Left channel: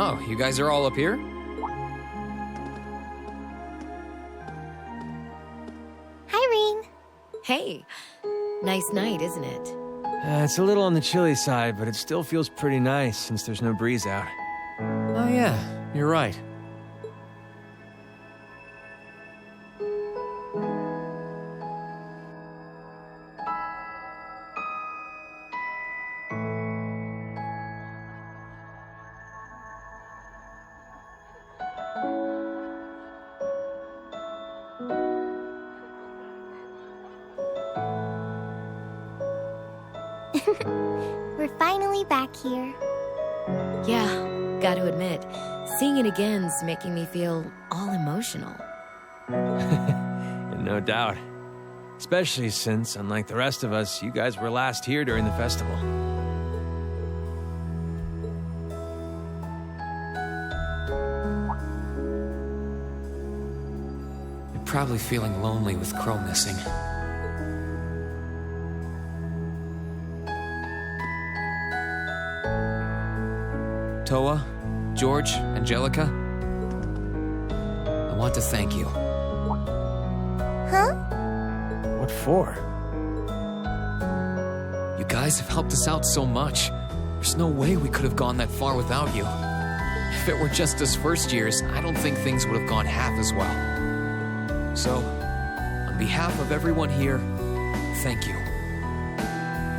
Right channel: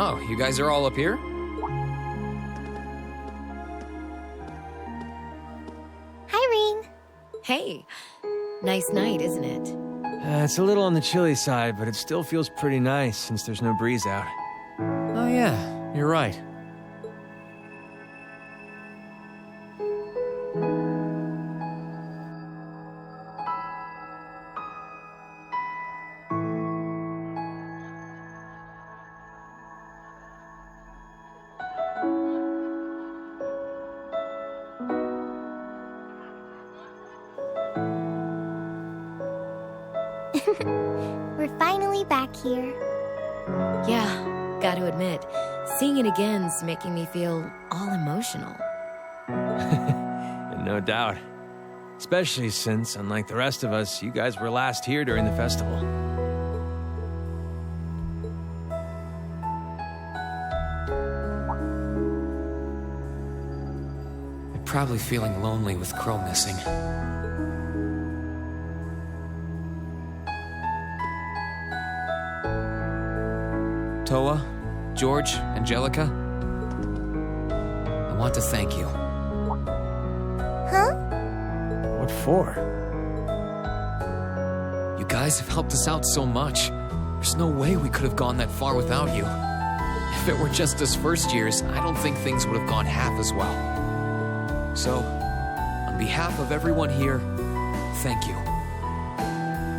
Oh, you guys are all up here? Hi, Rean. Hey, nice night, isn't it? It's a little on the chilly side, but it still feels pretty nice since there's no breeze out. Oh yeah, you're right. We're finally back here. Yeah, gotta admit, seeing it again's making me feel all emotional. No doubt. Especially since, unlike the rest of us, you guys were last here during the festival. You're probably feeling lonely with Crow missing. Toa, George, Angelica, I want to thank you. Huh? What for? You guys have helped us out so much. There's no way we could have gone that far without you. If it were just us first years, I don't think things would have gone half as well. So, on behalf of everyone here, thank you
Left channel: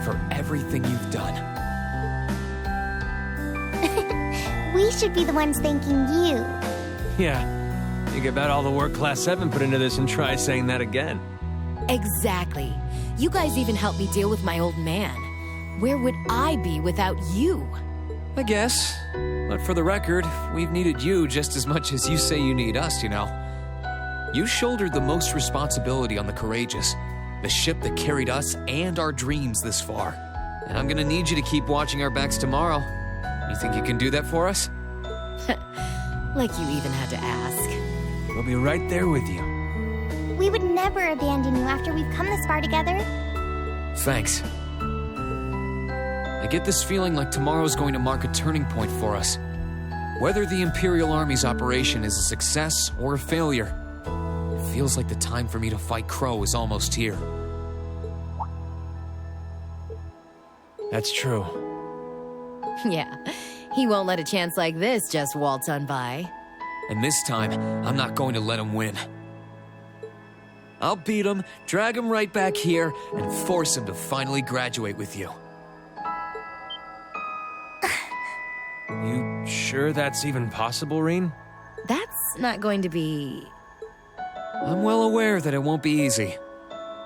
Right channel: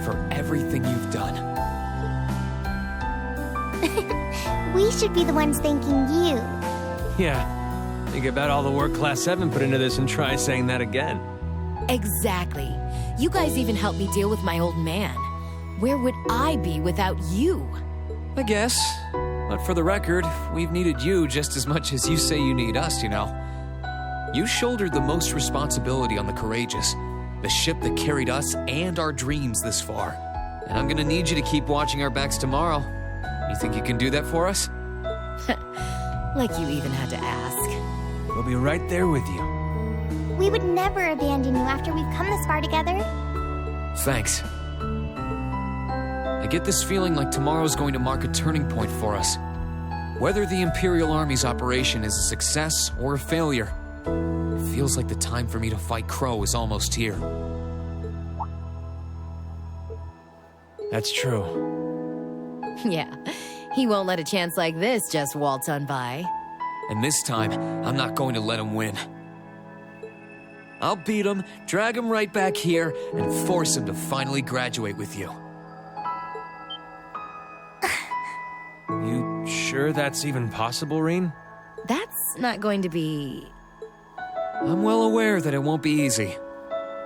for everything you've done. We should be the ones thanking you. Yeah. Think about all the work Class 7 put into this and try saying that again. Exactly. You guys even helped me deal with my old man. Where would I be without you? I guess. But for the record, we've needed you just as much as you say you need us, you know. You shouldered the most responsibility on the Courageous, the ship that carried us and our dreams this far. And I'm gonna need you to keep watching our backs tomorrow. You think you can do that for us? Like you even had to ask. We'll be right there with you. We would never abandon you after we've come this far together. Thanks. I get this feeling like tomorrow's going to mark a turning point for us. Whether the Imperial Army's operation is a success or a failure, it feels like the time for me to fight Crow is almost here. That's true. Yeah, he won't let a chance like this just waltz on by. And this time, I'm not going to let him win. I'll beat him, drag him right back here, and force him to finally graduate with you. You sure that's even possible, Rean? That's not going to be... I'm well aware that it won't be easy.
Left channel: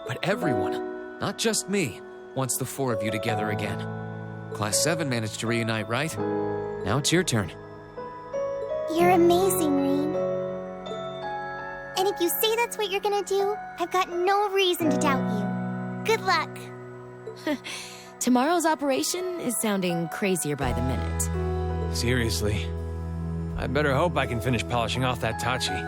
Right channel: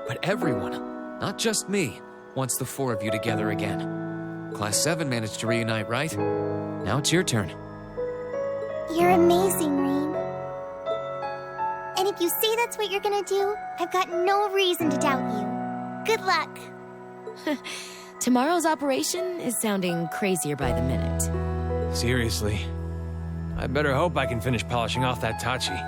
But everyone, not just me, wants the four of you together again. Class 7 managed to reunite, right? Now it's your turn. You're amazing, Rean. And if you say that's what you're gonna do, I've got no reason to doubt you. Good luck. Tomorrow's operation is sounding crazier by the minute. Seriously. I better hope I can finish polishing off that Tachi.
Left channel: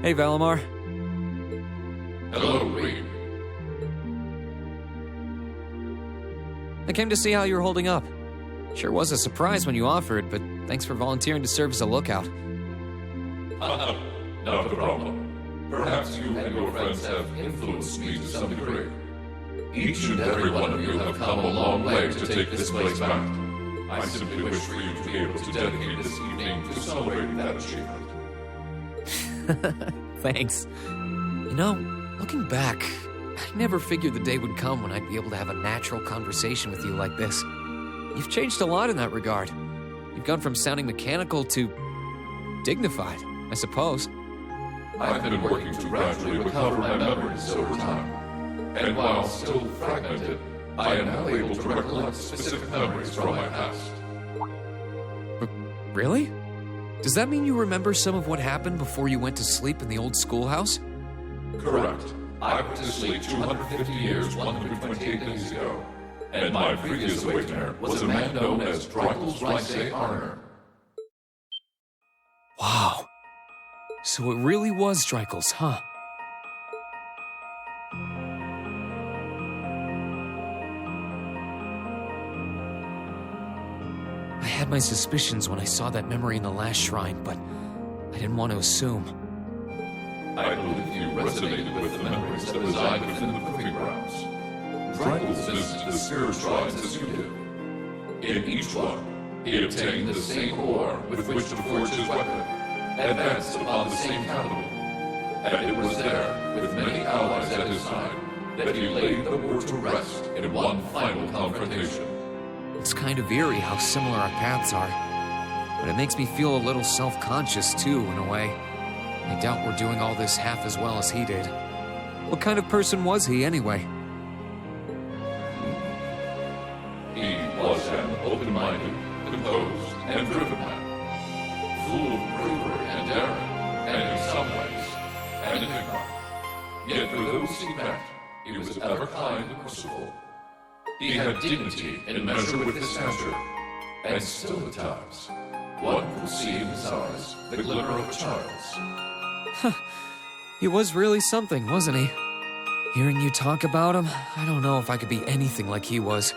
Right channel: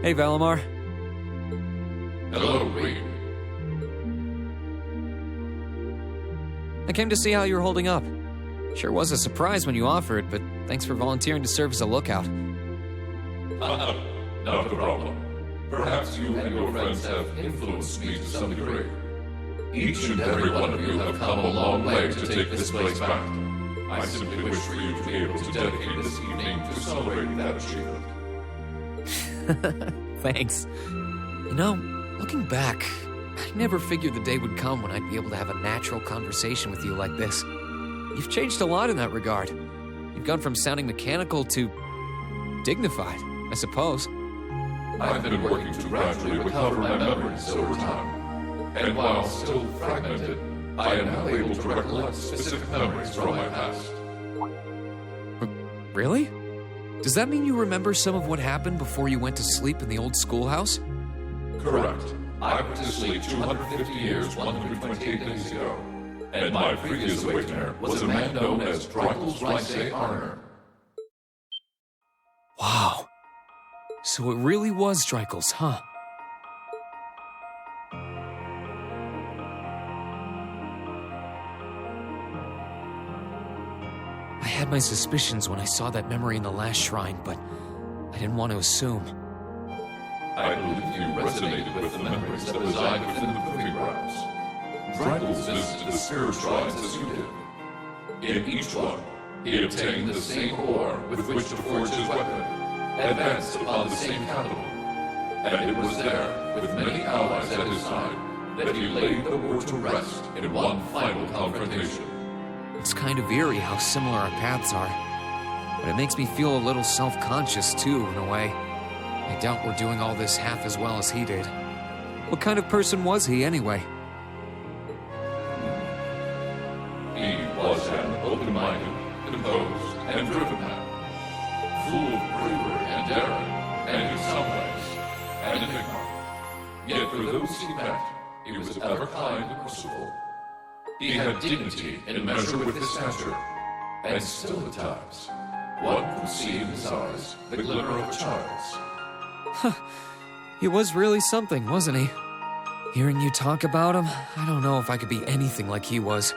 Hey, Valimar. Hello, Reed. I came to see how you're holding up. Sure was a surprise when you offered, but thanks for volunteering to serve as a lookout. Not a problem. Perhaps you and your friends have influenced me to some degree. Each and every one of you have come a long way to take this place back. I simply wish for you to be able to dedicate this evening to celebrating that achievement. Thanks. You know, looking back, I never figured the day would come when I'd be able to have a natural conversation with you like this. You've changed a lot in that regard. You've gone from sounding mechanical to dignified, I suppose. I've been working to gradually recover my memories over time. And while still fragmented, I am now able to recollect specific memories from my past. Really? Does that mean you remember some of what happened before you went to sleep in the old schoolhouse? Correct. I went to sleep 250 years, 128 days ago. And my previous awakener was a man known as Drykel's Rice Arner. Wow. So it really was Drykel's, huh? I had my suspicions when I saw that memory in the last shrine, but I didn't want to assume. I believe you resonated with the memories that reside within the proving grounds. Drykel's visited the spirit shrines as you did. In each one, he obtained the same ore with which to forge his weapon, advanced upon the same capital. And it was there, with many allies at his side, that he laid the war to rest in one final confrontation. It's kind of eerie how similar our paths are, but it makes me feel a little self-conscious too, in a way. I doubt we're doing all this half as well as he did. What kind of person was he, anyway? He was an open-minded, composed, and driven man, full of bravery and daring, and in some ways, an enigma. Yet for those he met, he was ever kind and merciful. He had dignity in measure with his stature, and still at times, One could see in his eyes the glimmer of a child's. He was really something, wasn't he? Hearing you talk about him, I don't know if I could be anything like he was.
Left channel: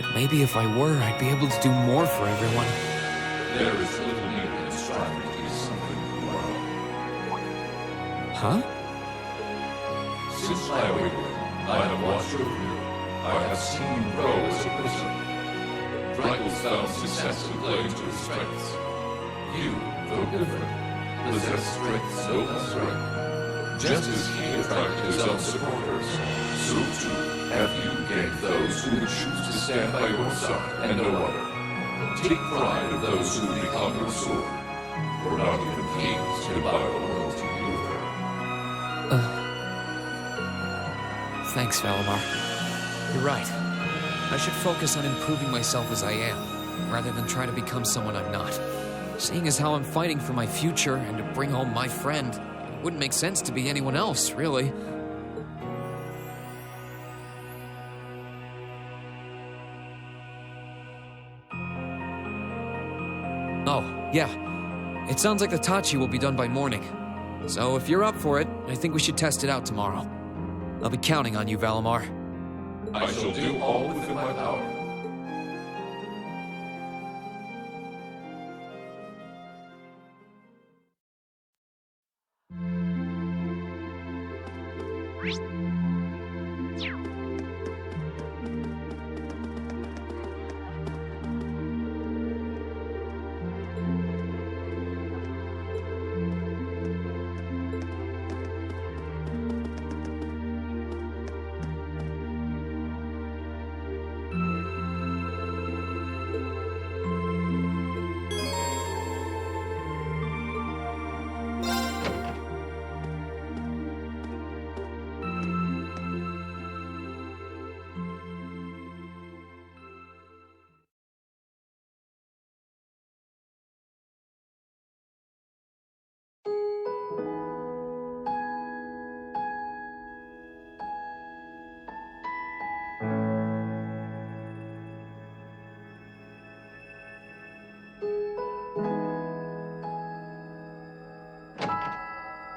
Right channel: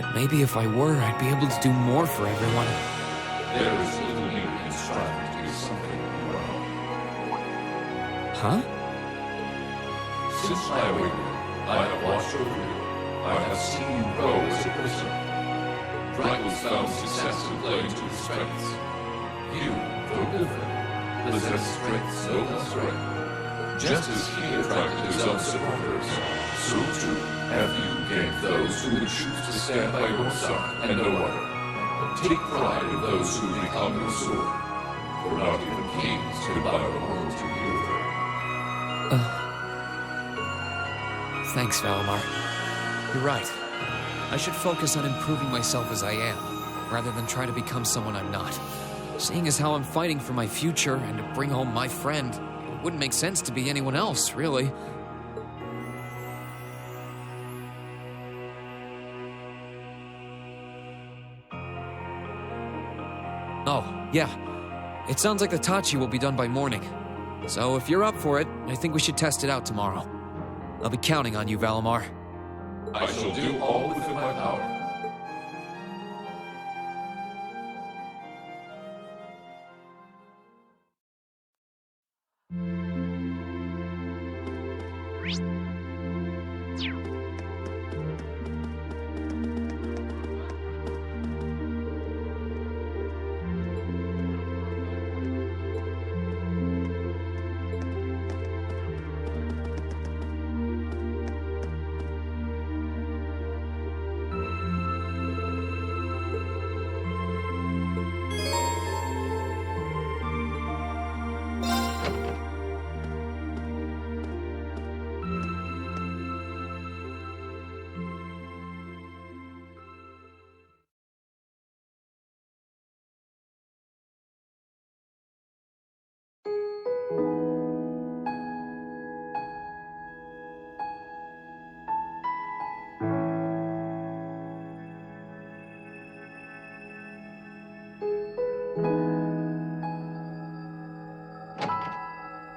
But maybe if I were, I'd be able to do more for everyone. There is little need in striving to be something you are not. Huh? Since my awakening, I have watched over you. I have seen you grow as a person. Draco's found success in playing to his strengths. You, though different, possess strengths no less great. Just as he attracted his own supporters, so too have you gained those who would choose to stand by your side and no other. Take pride in those who become your sword, for not even kings can buy the loyalty you earn. Thanks, Valimar. You're right. I should focus on improving myself as I am, rather than try to become someone I'm not. Seeing as how I'm fighting for my future and to bring home my friend, it wouldn't make sense to be anyone else, really. Oh, yeah. It sounds like the Tachi will be done by morning. So if you're up for it, I think we should test it out tomorrow. I'll be counting on you, Valimar. I shall do all within my power.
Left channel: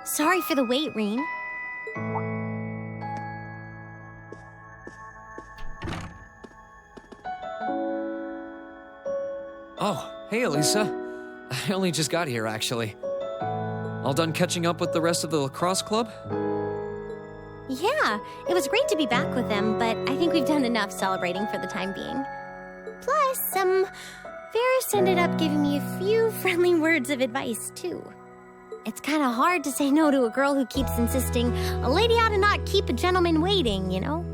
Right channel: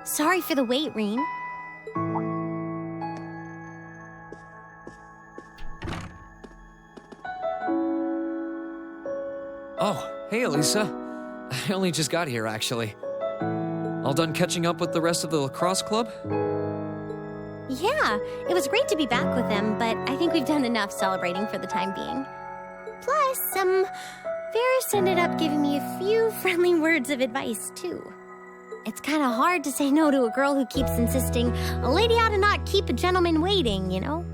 Sorry for the wait, Reen. Oh, hey, Alisa. I only just got here, actually. All done catching up with the rest of the lacrosse club? Yeah, it was great to be back with them, but I think we've done enough celebrating for the time being. Plus, Varys ended up giving me a few friendly words of advice, too. It's kind of hard to say no to a girl who keeps insisting a lady ought to not keep a gentleman waiting, you know?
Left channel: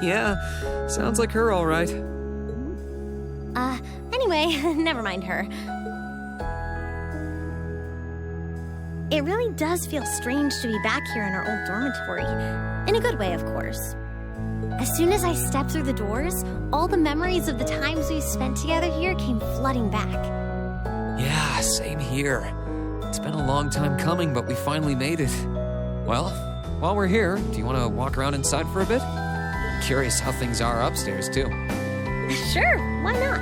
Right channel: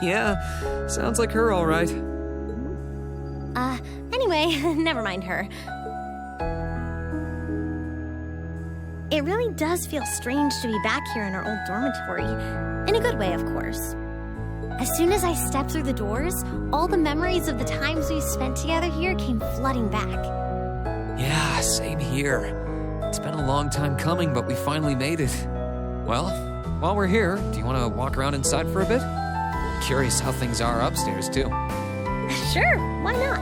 Yeah, sounds like her all right. Anyway, never mind her. It really does feel strange to be back here in our old dormitory. In a good way, of course. As soon as I stepped through the doors, all the memories of the times we spent together here came flooding back. Yeah, same here. It's been a long time coming, but we finally made it. Well, while we're here, do you want to walk around inside for a bit? I'm curious how things are upstairs, too. Sure, why not?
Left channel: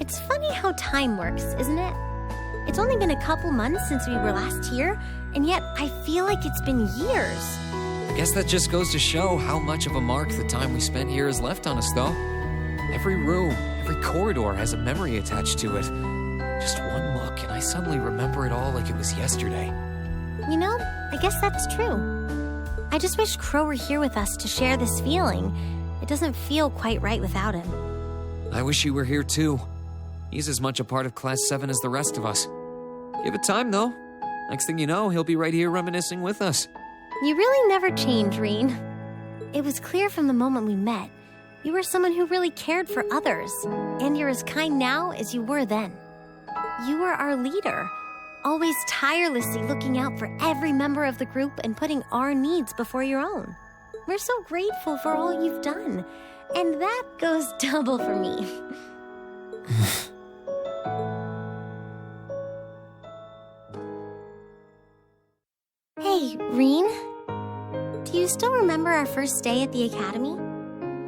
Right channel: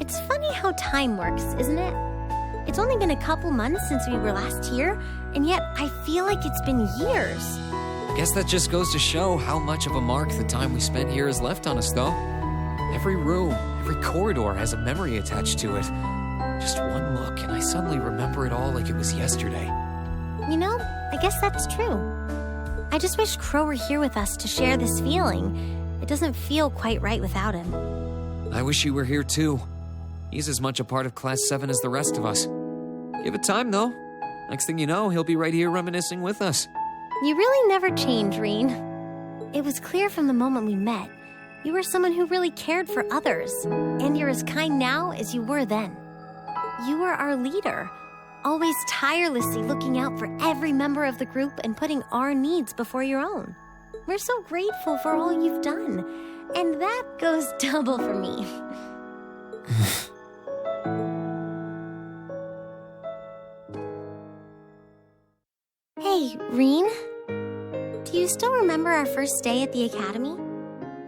It's funny how time works, isn't it? It's only been a couple months since we were last here, and yet I feel like it's been years. I guess that just goes to show how much of a mark the time we spent here has left on us, though. Every room, every corridor has a memory attached to it. Just one look, and I suddenly remember it all like it was yesterday. You know, I guess that's true. I just wish Crow were here with us to share this feeling. It doesn't feel quite right without him. I wish he were here, too. He's as much a part of Class 7 as the rest of us. Give it time, though. Next thing you know, he'll be right here reminiscing with us. You really never change, Reen. It was clear from the moment we met, you were someone who really cared for others, and you're as kind now as you were then. You were our leader, always tirelessly looking out for every member of the group and putting our needs before your own. We're so grateful for all you've done, and that goes double for me. Hey, Reen, do you still remember our first day at the academy?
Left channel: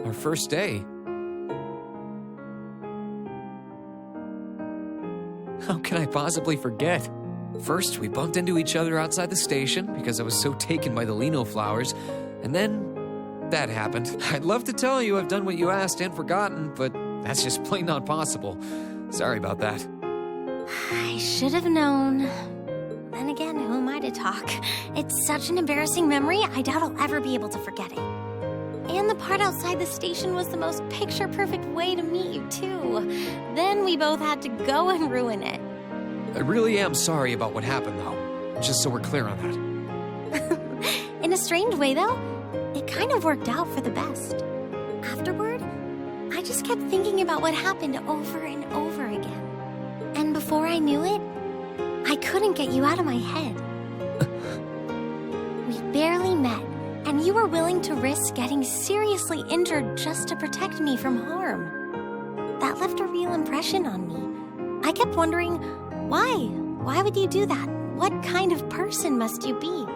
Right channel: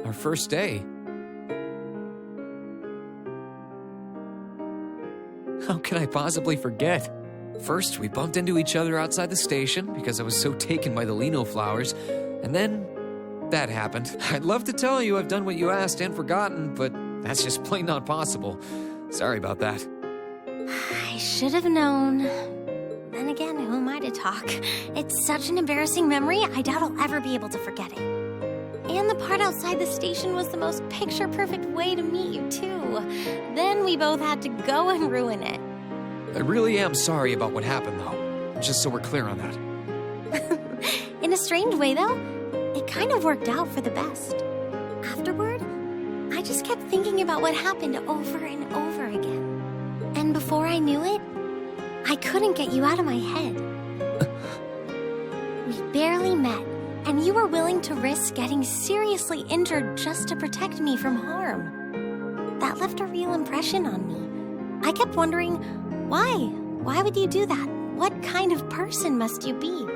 Our first day? How can I possibly forget? First, we bumped into each other outside the station because I was so taken by the lino flowers, and then that happened. I'd love to tell you I've done what you asked and forgotten, but that's just plain not possible. Sorry about that. I should have known. Then again, who am I to talk? It's such an embarrassing memory, I doubt I'll ever be able to forget it. And the part outside the station was the most picture-perfect way to meet you, too. Then we both had to go and ruin it. I really am sorry about what happened, though. Just so we're clear on that. In a strange way, though, it kind of worked out for the best. Afterward, I just kept thinking about what happened over and over again. And before I knew it, I couldn't get you out of my head. We barely met, and you were willing to risk getting seriously injured just to protect me from harm. That left a real impression on me. I kept wondering, why? Why would you do that? What kind of person must you be?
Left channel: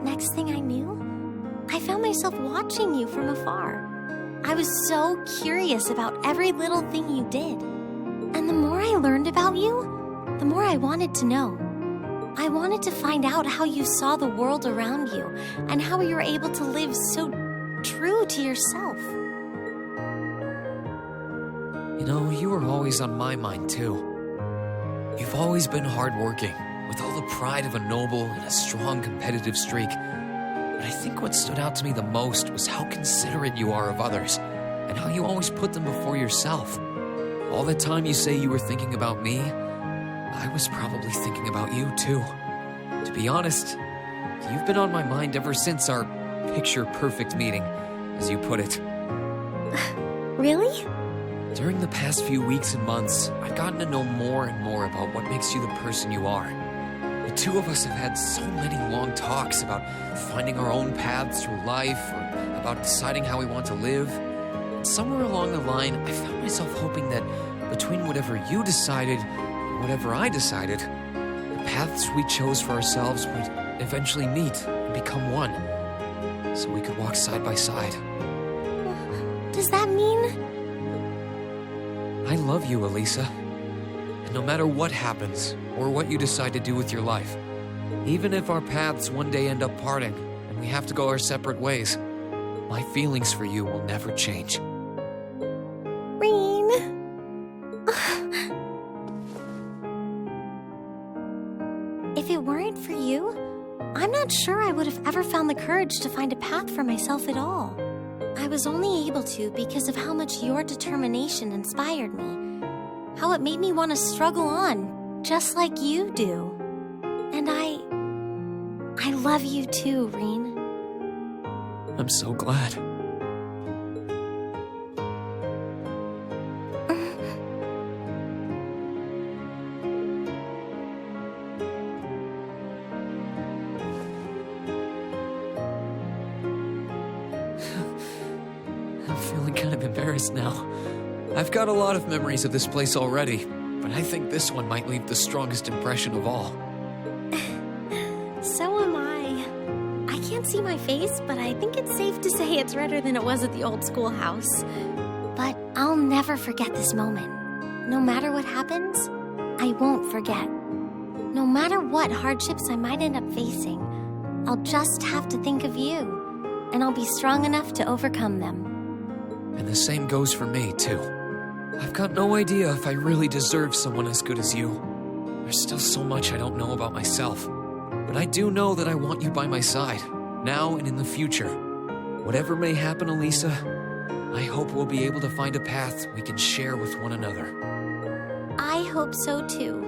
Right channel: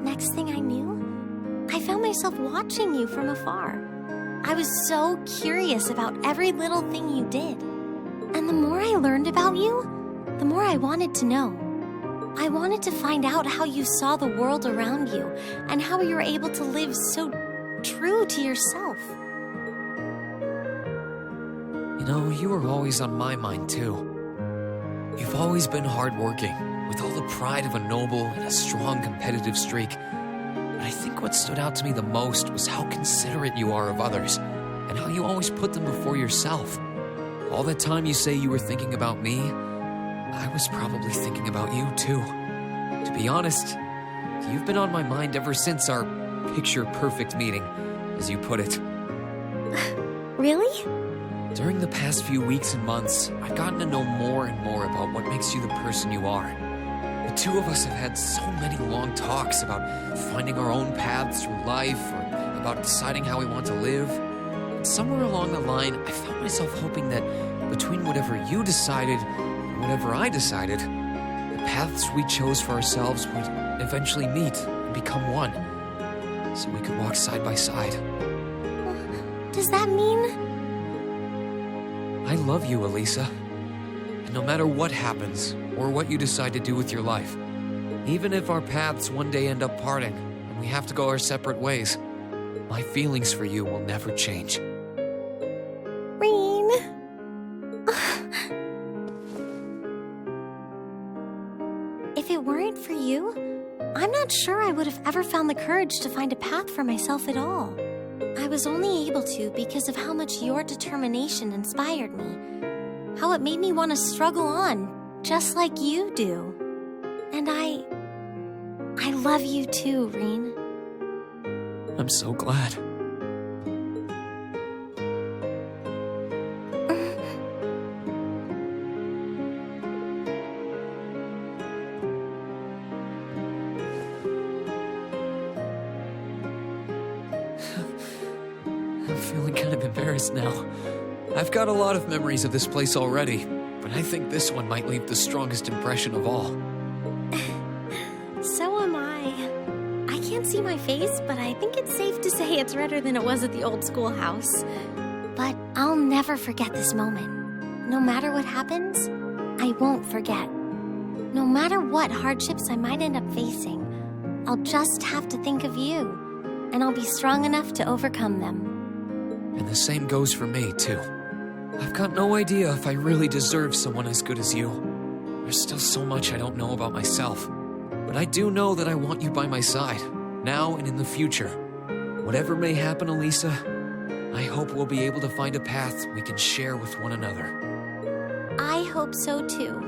Next thing I knew, I found myself watching you from afar. I was so curious about every little thing you did. And the more I learned about you, the more I wanted to know. I wanted to find out how you saw the world around you and how you were able to live so true to yourself. You know, you were always on my mind, too. You've always been hardworking, with all the pride of a noble and a strong competitive streak. But I think what stood out to me the most was how considerate you are of others, and how you always put them before yourself. All the time you say you were thinking about me, I was probably thinking about you, too. To be honest, you've been on my mind ever since our picture-perfect meeting, as you put it. Really? During the past few weeks and months, I've gotten to know more and more about what makes you the person you are. The two of us have had so many long talks about finding our own paths through life, or about deciding how we want to live. And somewhere along the line, I found myself hoping that between whatever you decided and whatever I decided, the paths we chose for ourselves would eventually meet and become one, so we could walk side by side. Does that mean... I love you, Alisa. And no matter what happens, or what you decide to do with your life, even if our paths one day end up parting, and we have to go our separate ways, my feelings for you will never change. Reen... If it weren't for you, I'm not sure I would have ever found the courage to find a path for myself at all. I was only able to because of how much your determination inspired me. How it made me want to struggle on, just like you do. And I love you too, Reen. I'm so glad. I'm feeling kind of embarrassed now. I've got a lot of memories of this place already, but I think this one might leave the strongest impression of all. So am I. I can't see my face, but I think it's safe to say it's redder than it was at the old schoolhouse. But I'll never forget this moment. No matter what happens, I won't forget. No matter what hardships I might end up facing, I'll just have to think of you, and I'll be strong enough to overcome them. And the same goes for me, too. I've got no idea if I really deserve someone as good as you. There's still so much I don't know about myself. But I do know that I want you by my side, now and in the future. Whatever may happen, Alisa, I hope we'll be able to find a path we can share with one another. I hope so too.